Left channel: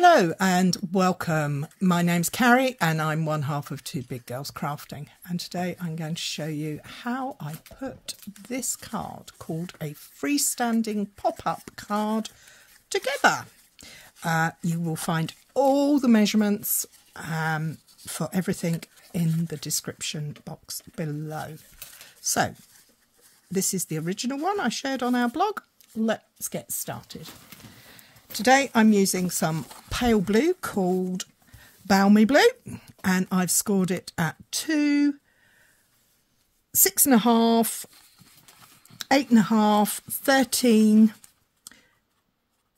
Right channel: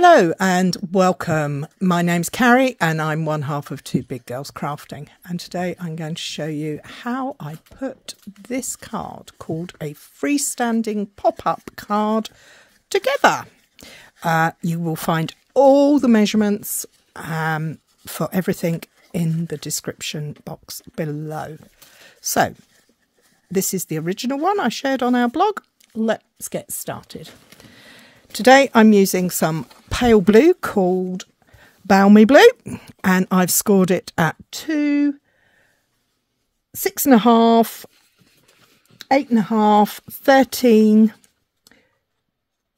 Hello and welcome. My name's Cary and I'm one half of Two Big Girls Crafting, and today I'm going to show you how I put this card called a freestanding pop-up card together. You will find all the measurements for everything in the description box below. So this is the original one I shared on our blog. Let's get started. Today I'm using some pale blue called Balmy Blue, and I've scored it at 2, 6.5, 8.5, 13,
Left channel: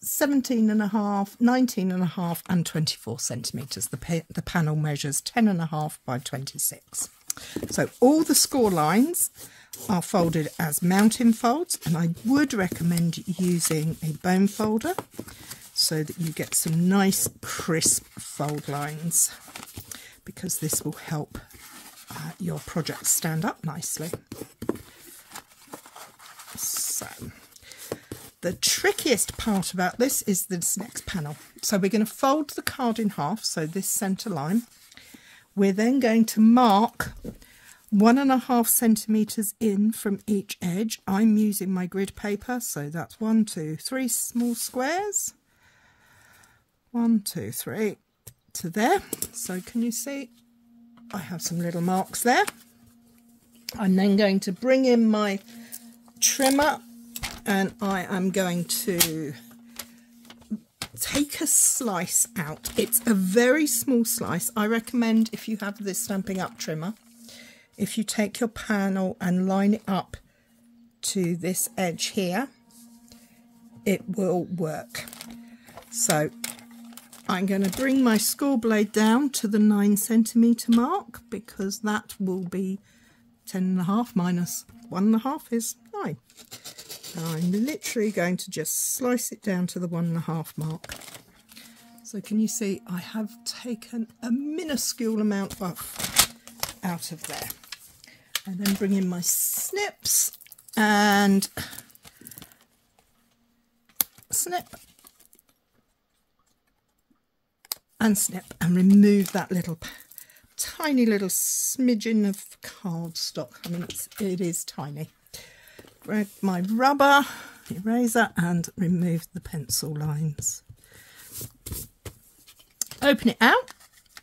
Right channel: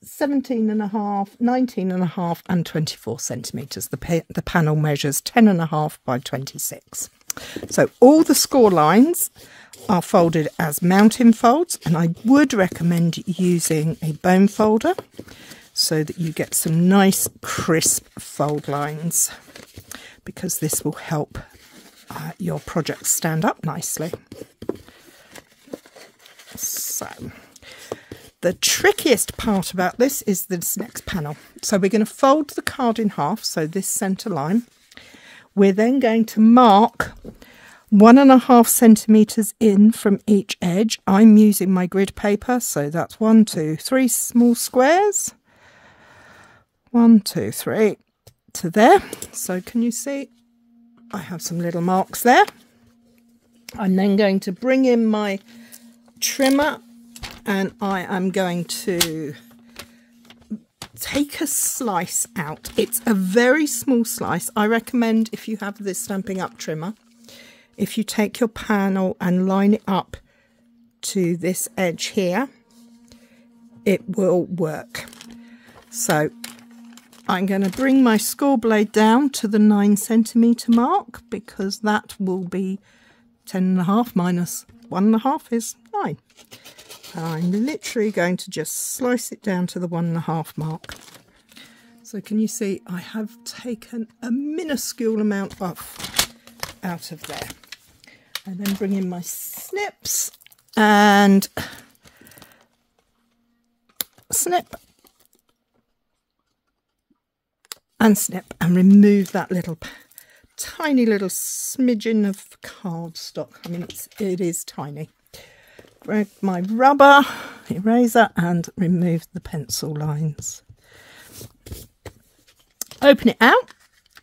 17.5, 19.5 and 24 centimetres. The panel measures 10.5 by 26. So all the score lines are folded as mountain folds, and I would recommend using a bone folder so that you get some nice crisp fold lines, because this will help your project stand up nicely. So the trickiest part about this is this next panel. So we're going to fold the card in half, so this centre line. We're then going to mark 1.5 centimetres in from each edge. I'm using my grid paper, so that's 1, 2, 3 small squares. 1, 2, 3 to there. So can you see I have some little marks there? I'm then going to bring in my trimmer and I am going to take a slice out. It's a very small slice. I recommend, if you have this Stampin' Up trimmer, if you take your panel and line it up to this edge here, it will work. So I'm going to bring my score blade down to the 9 centimetre mark, because that will be 10.5 minus 1.5 is 9. I'm literally going to just slice it down to the 1.5 mark. So can you see I have taken a minuscule amount off out of there. And then bring in my snips and snip and snip, and remove that little tiny little smidgen of cardstock. I mean, it is tiny. Grab my rubber eraser and remove the pencil lines. Open it out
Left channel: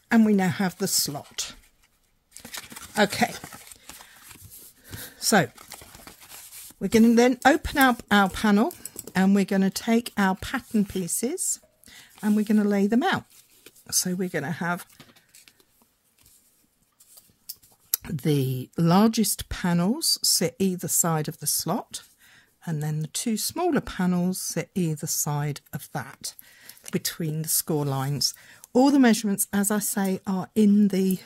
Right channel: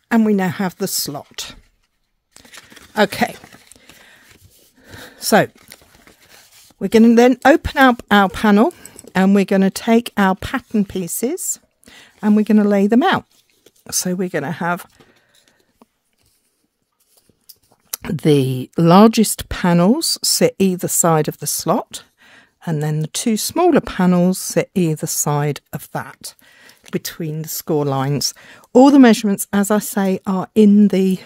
and we now have the slot. Okay, so we're going to then open up our panel and we're going to take our pattern pieces and we're going to lay them out. So we're going to have the largest panels sit either side of the slot, and then the 2 smaller panels sit either side of that between the score lines. All the measurements, as I say, are in the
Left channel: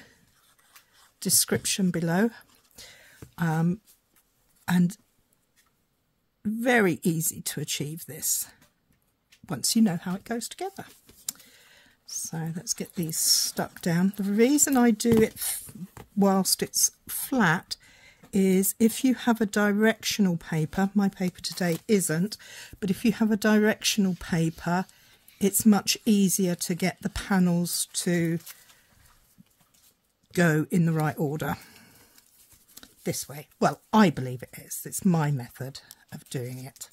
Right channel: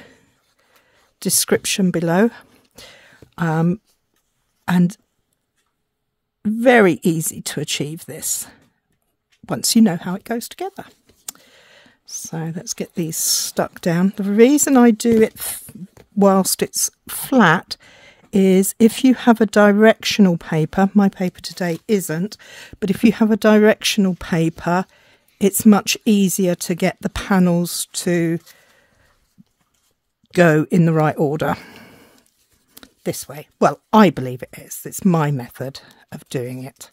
description below, and very easy to achieve this once you know how it goes together. So let's get these stuck down. The reason I do it whilst it's flat is if you have a directional paper, my paper today isn't, but if you have a directional paper, it's much easier to get the panels to go in the right order this way. Well, I believe it is. It's my method of doing it.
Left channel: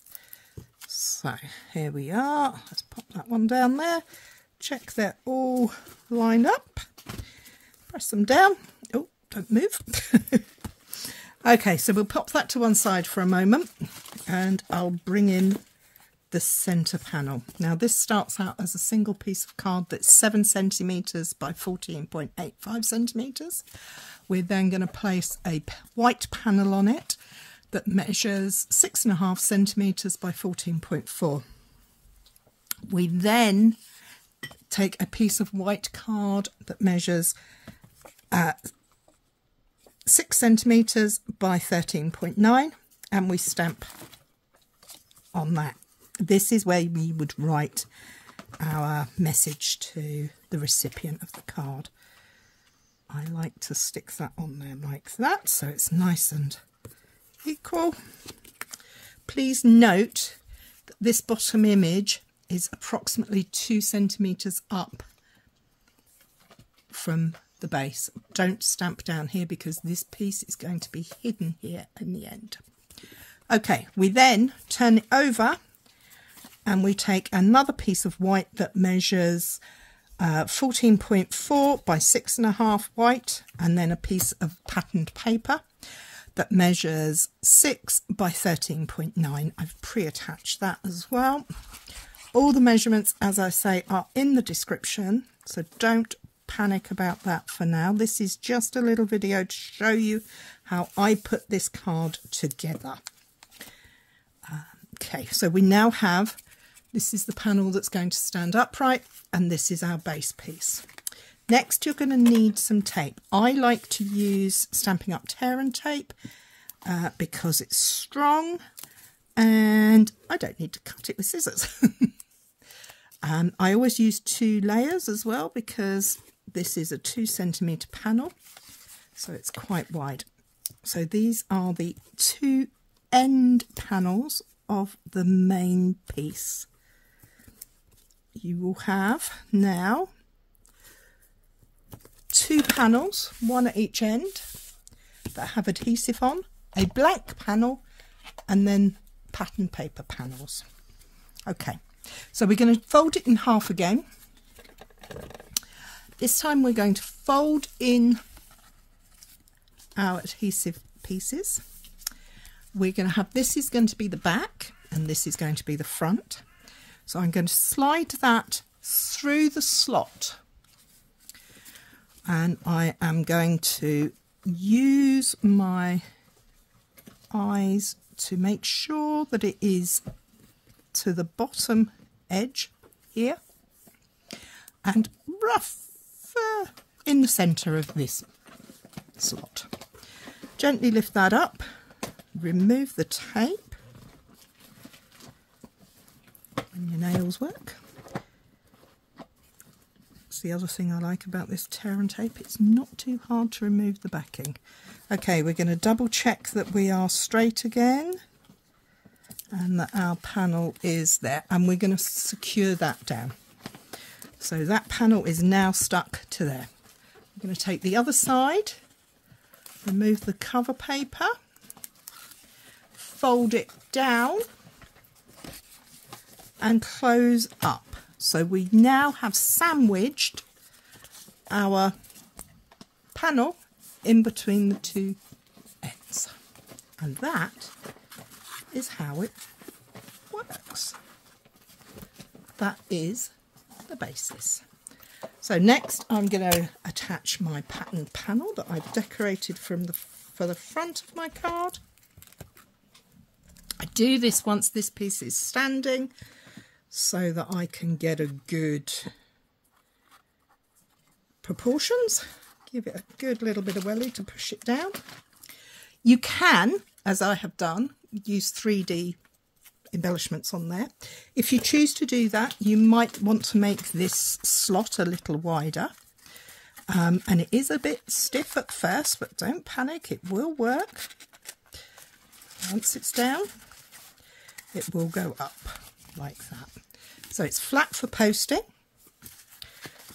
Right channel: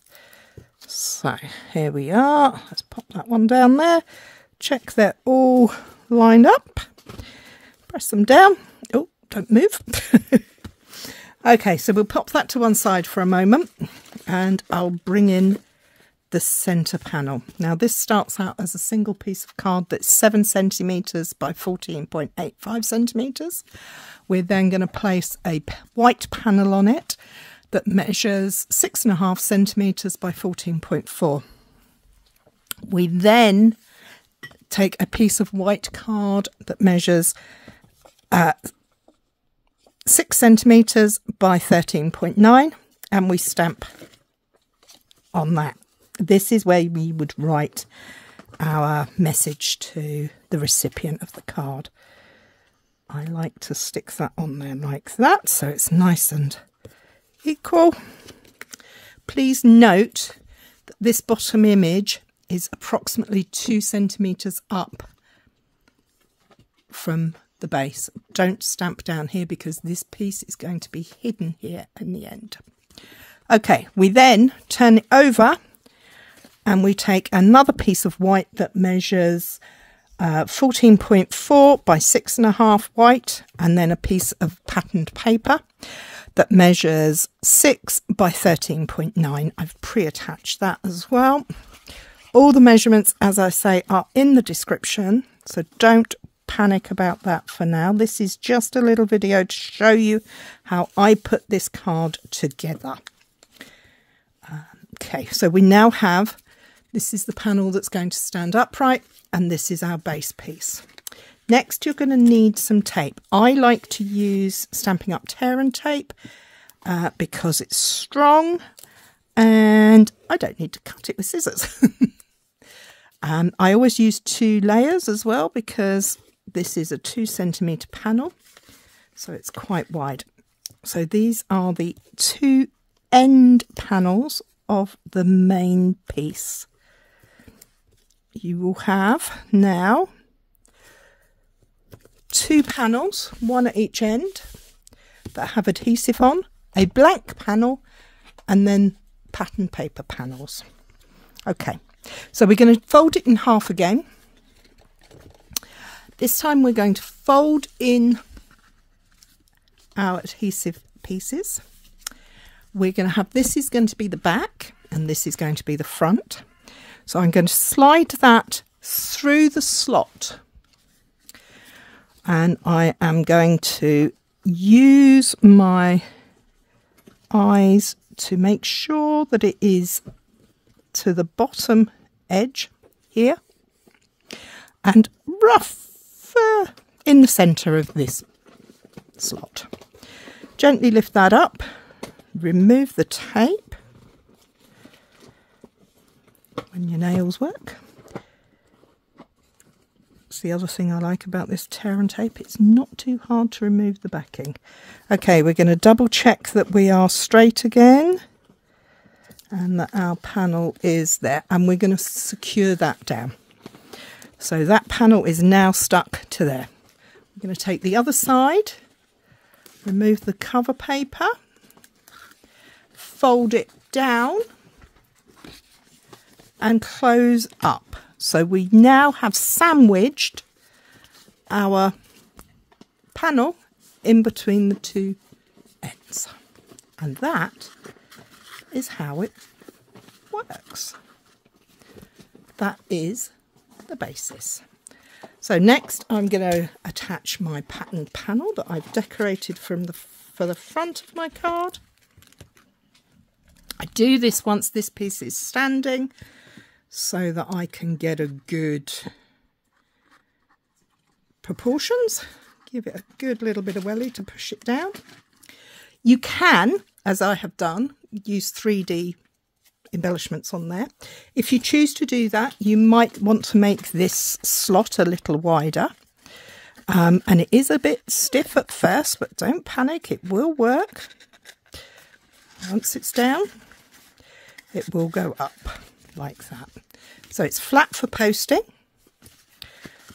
So here we are. Let's pop that one down there. Check they're all lined up. Press them down. Oh, don't move. Okay, so we'll pop that to one side for a moment and I'll bring in the centre panel. Now this starts out as a single piece of card that's 7 centimetres by 14.85 centimetres. We're then going to place a white panel on it that measures 6.5 centimetres by 14.4. We then take a piece of white card that measures 6 centimetres by 13.9 and we stamp on that. This is where we would write our message to the recipient of the card. I like to stick that on there like that so it's nice and equal. Please note that this bottom image is approximately 2 centimetres up from the base. Don't stamp down here because this piece is going to be hidden here in the end. Okay, we then turn it over and we take another piece of white that measures 14.4 by 6.5 white, and then a piece of patterned paper that measures 6 by 13.9. I've pre-attached that as well. All the measurements, as I say, are in the description, so don't panic about that for now. This is just a little video to show you how I put this card together. Okay, so we now have, this is the panel that's going to stand upright, and this is our base piece. Next, you're going to need some tape. I like to use Stampin' Up! Tear and tape because it's strong and I don't need to cut it with scissors. I always use 2 layers as well because this is a 2 centimetre panel, so it's quite wide. So these are the 2 end panels of the main piece. You will have now 2 panels, one at each end, that have adhesive on, a blank panel, and then pattern paper panels. Okay, so we're going to fold it in half again. This time we're going to fold in our adhesive pieces. We're going to have, this is going to be the back and this is going to be the front. So I'm going to slide that through the slot, and I am going to use my eyes to make sure that it is to the bottom edge here and rough in the centre of this slot. Gently lift that up, remove the tape when your nails work. It's the other thing I like about this tear and tape, it's not too hard to remove the backing. Okay, we're going to double check that we are straight again and that our panel is there, and we're going to secure that down. So that panel is now stuck to there. I'm going to take the other side, remove the cover paper, fold it down and close up. So we now have sandwiched our panel in between the 2 ends. And that is how it works. That is the basis. So next I'm going to attach my patterned panel that I've decorated for the front of my card. I do this once this piece is standing so that I can get a good proportions. Give it a good little bit of welly to push it down. You can, as I have done, use 3D embellishments on there. If you choose to do that, you might want to make this slot a little wider. And it is a bit stiff at first, but don't panic, it will work. Once it's down, it will go up like that. So it's flat for posting,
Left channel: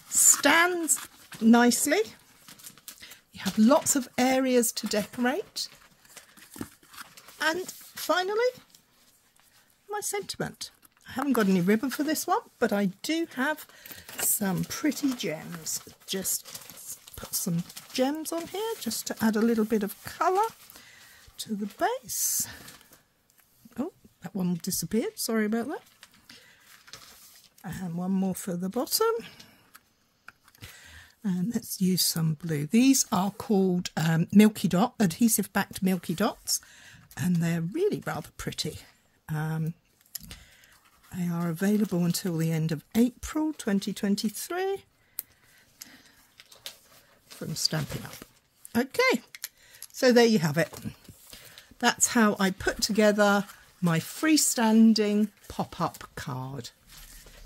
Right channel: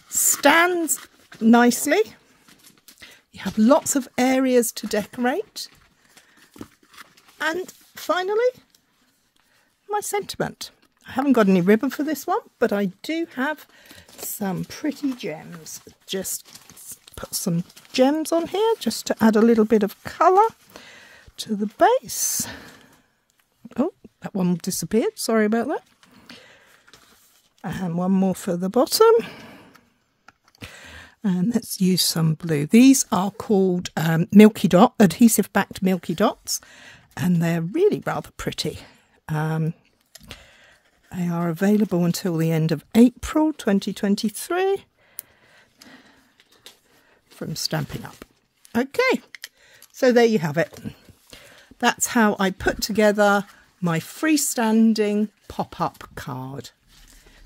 stands nicely, you have lots of areas to decorate, and finally, my sentiment. I haven't got any ribbon for this one, but I do have some pretty gems. Just put some gems on here just to add a little bit of colour to the base. Oh, that one disappeared, sorry about that. And one more for the bottom. And let's use some blue. These are called Milky Dot, adhesive backed Milky Dots, and they're really rather pretty. They are available until the end of April 2023 from Stampin' Up. Okay, so there you have it. That's how I put together my freestanding pop-up card.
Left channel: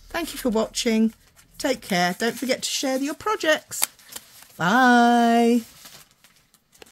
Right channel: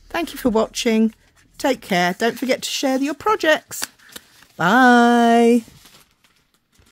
Thank you for watching. Take care. Don't forget to share your projects. Bye.